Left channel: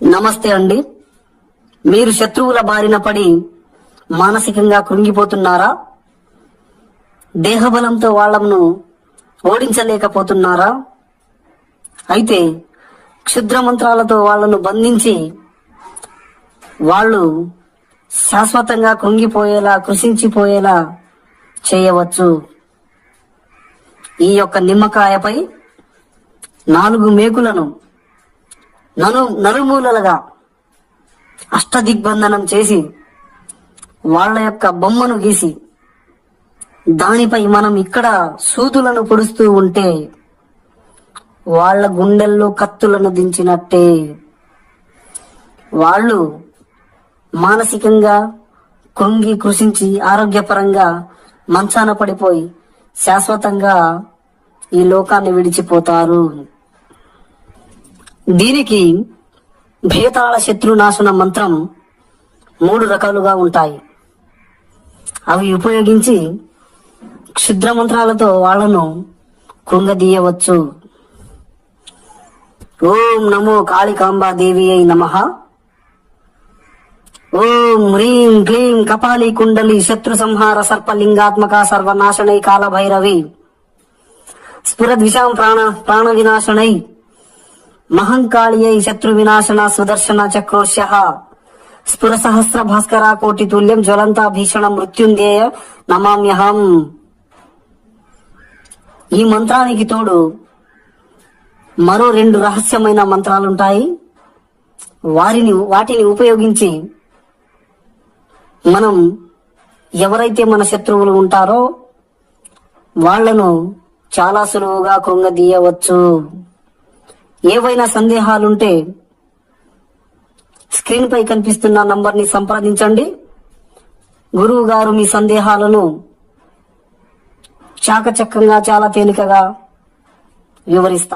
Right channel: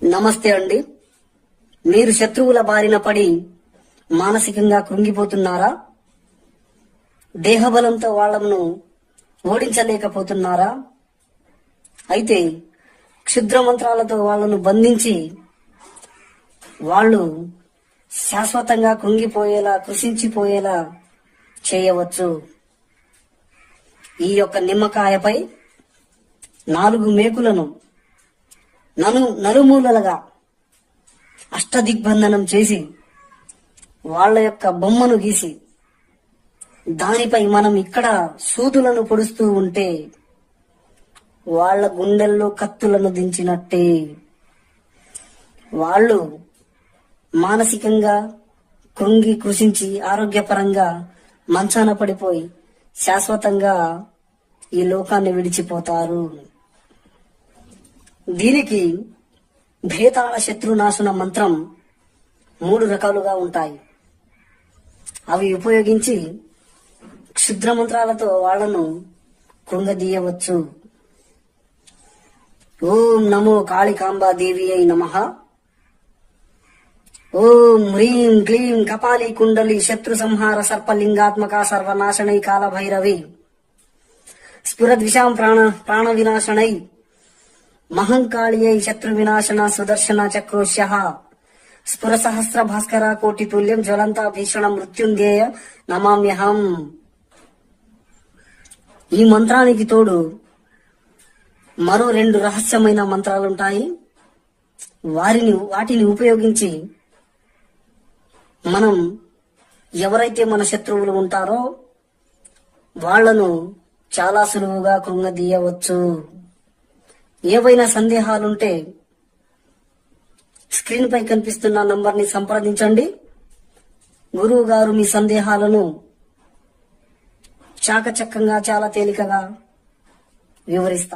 నమస్తే అండి. మీరు శత్రువుల బారిన పడి మానసికంగా కృంగిపోతున్నారా? దేహబలంతో వాళ్లను ఓడించలేకపోతున్నారా? అయితే క్షుద్ర మంత్రాలతో వాళ్లను బంధించి వాళ్ళు శాశ్వతంగా కృంగిపోయేలా, కృషించిపోయేలా చేయవచ్చు. ఈ యొక్క నిమ్మకాయపై 4 మేకులను నలుమూలలుగా అష్టదిగ్బంధనం చేసి వాళ్ళ యొక్క బొమ్మను గీసి దానిపై మనం ఇక్కడ సూదులను పొడుస్తూ ఉంటే వాళ్ళ గుండెల్లో కత్తులను దించినట్టే. వాళ్ళు మానసికంగా కృంగి కృషించి ఆరోగ్యపరంగా మంచాన పడిపోయి శాశ్వతంగా ఈ లోకాన్ని విడిచిపోతారు. దీనికి భేతాళ శత్రునాశన మంత్రం 3 రకాలుగా ఉంటాయి. అవి ఉపయోగించి క్షుద్ర మంత్రాలతో వాళ్లను కృంగదీయవచ్చు. ఓం నమో కాళికాంబా దేవి అయి నమః. ఓం హ్రీం క్లీం కపాలి కుండలి శత్రు సంహార సర్పలింగాత్మక సర్వనాశనై కాల భైరవి స్ఫురద్విషాం ప్రాణ వినాశనై మహంకాళియై శత్రు వినాశన సుదర్శన చక్రోశ్య స్ఫుర సహస్ర భాస్కర కోటి తుల్యం జ్వలంత భీషణ మృత్యుంజయ నమామ్యహం. ఈ మంత్రానికి తోడు మరో 2 రహస్యమైన మంత్రాలుంటాయి. వాటిని ఉపయోగించి మనం ఎవరైతే మన శత్రువులు ఉంటారో వాళ్లను చాలా సులువుగా కృంగదీయవచ్చు. ఏవైనా సందేహాలుంటే స్క్రీన్ పై కనిపిస్తున్న నంబర్ ని సంప్రదించండి. గురువు గారు మీ సందేహాలను చాకచక్యంగా చాలా తేలికగా వివరిస్తారు.